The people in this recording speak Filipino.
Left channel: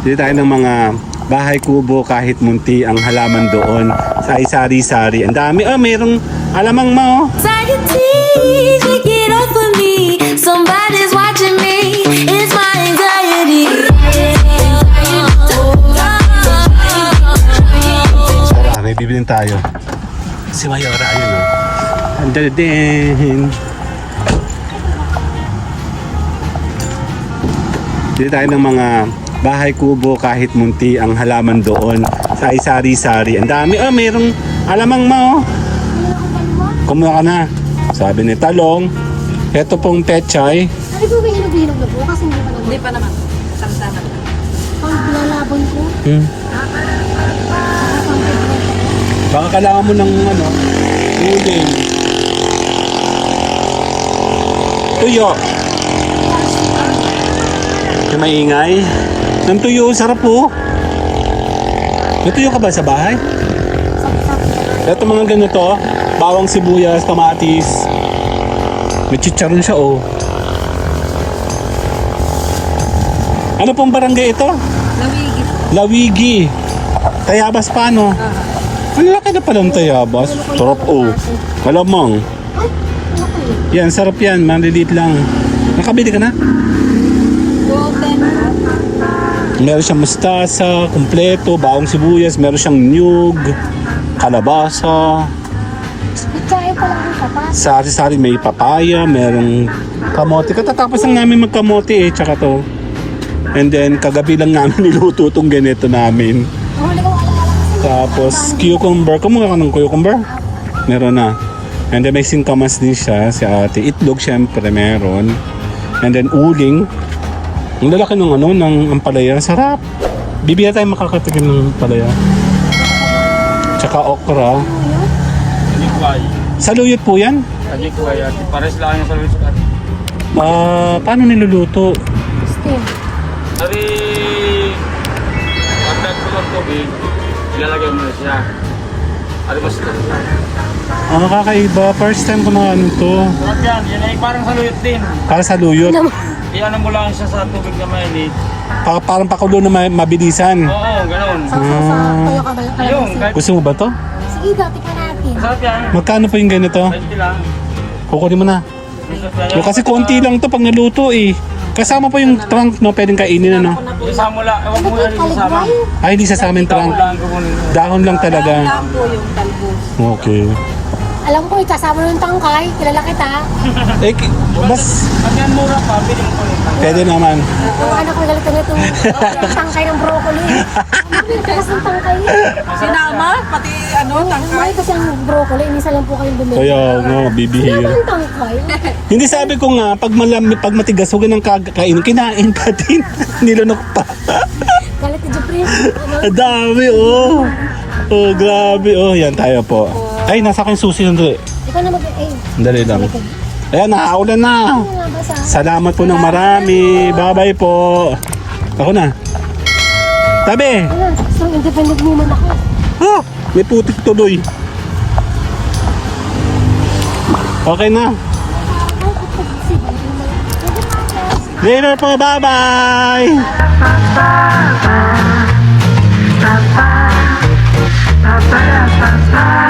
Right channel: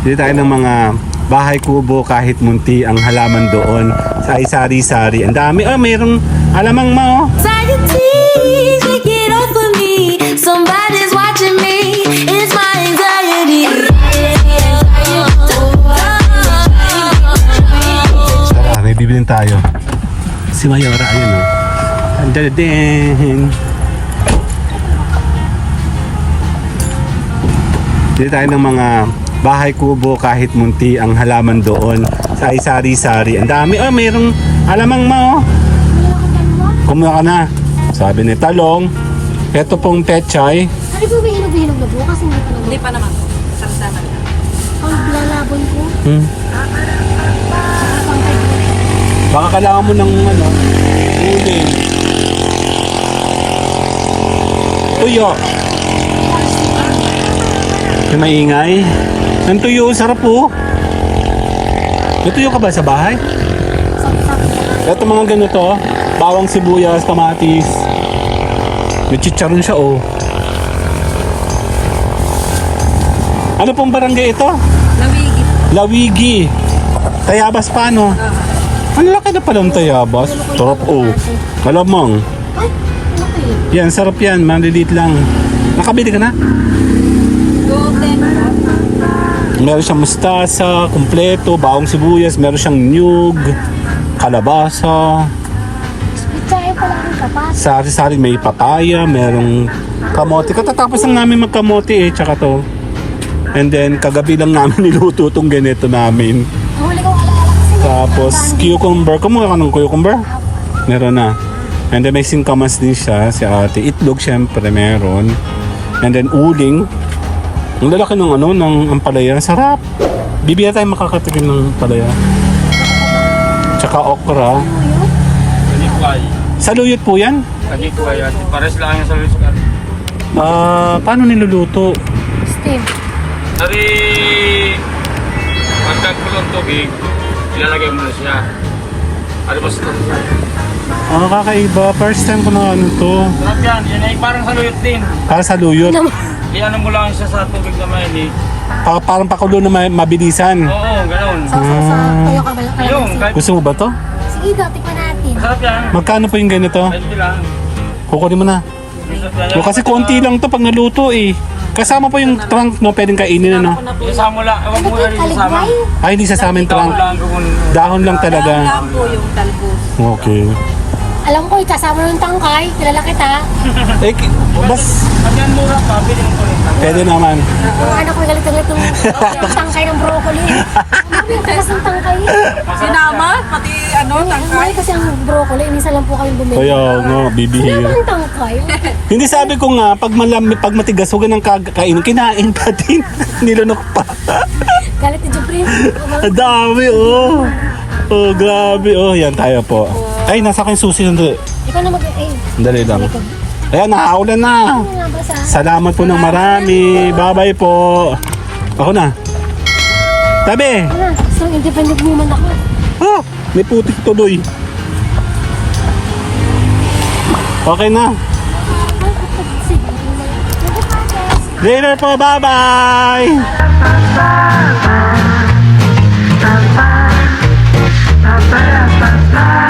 Dito tayo ng mga bahay kubo kahit munti ang halaman doon sa sari-sari. Ang dami. Oh, mayroong alamang mo. Anxiety, take it off of me. Somebody's watching me. It's my anxiety. May bibilin tayo. Si Mayora, ayun o. Andadadin. Dito tayo ng mga bahay kubo kahit munti ang halaman doon sa sari-sari. Ang dami. Oh, mayroong alamang mo. Kumuha ka na. Sabi ni Talong. Ito pong Techay. Hindi po may hinog-hinog na po kasi Hindi pa naman. Saksa na. ang lalapon po. Baka kailangan mo ng ano. Tuyo. Yung maingay. Yung tuyo, sarap po. May tuyo ka ba sa bahay? Ito mga ganito. Bawang sibuyas, kamatis. May chicharon siya oh. Ano pong barangay ito? Lawigi. Lawigi. Tayabas pa no? Ang laki na pala ng Tayabas. Sarap oh. Kalamang. Yan, sarap yan. Maliliit lang. Nakabili ka na? Meron siyang mustasa, kumpleto, bawang sibuyas, meron siyang niyog, kalabasa. Itsahin pa lang yung kapas. Sari-sari may papaya, merong kamote. Katatapos lang namin magkamote eh, tsaka to. And then, kagabi lang namin niluto itong ganito namin. Tapos, cucumber. Kumuha ka ng cucumber? Meron na. And then, may singkamas din siya. Si ate. Itlog, syempre, meron. And then, uling. Ang lalaki ng ano, ng ampalaya. Sarap. Bibigyan tayo makakatikin ng ampalaya. Tsaka okra. Saluyot po yan? Kajikuay at pares lang yung salulit sa Paano niluluto? Steam. Dari pagkagulong tubig, ilalagay mo na siya. Ano ba ito? Kakaiba. First time ko na ano to. Yun ay parang saluyot din. Para saluyot. Iyanan mo lang siya sa tubig na mainit. Parang pakulo na mabilisan. Oo, ganun. Tuyo ka ba yung Ayun, kahit Gusto mo ba to? Sige, tingnan natin. masarap yan. Magkano po yung ganito? Pwede lang. Kukunin mo na. Yung kasi konti lang to pag naluto eh. Kasama po yung trunk no, pwedeng kainin na no. Isama lang. Huwag mo na rin isama. Ay, hindi sasama yung trunk. Lang gawin. Dahon lang talaga. Lang po yung talbos. Okay. Alam ko, itasama ng tangkay. Kilala kita. Eh, mas Hanggang mura pa, pili mo po ng tangkay. pwede naman. Ano ko galit na ito. Yung tangkay ng broccoli. Ano yung tagas ng tangkay? Sinama, pati ano, tangkay. Ay, kasi ang broccoli, isa lang po kami bumili. Kaya nga, Ano bibihira. ba ang tangkay? Hindi sabi ko nga, pag pag matigas, huwag nang kakainin, kinain ka din. Nilunok pa. Galit ni Jeffrey. Ang dami, oh. Oh, grabe. Oh, yan tayo po. Ay, nasa kang susi ng doon. Ikaw naman kayo. Dali lang. Ayan, nakaulan na. Salamat po ng marami. Bye-bye po. Ako na. Tabi. So, independent woman ako. May putik tuloy. Okay na. Dinner po. Bye-bye. Ba ba ba ba ba ba ba ba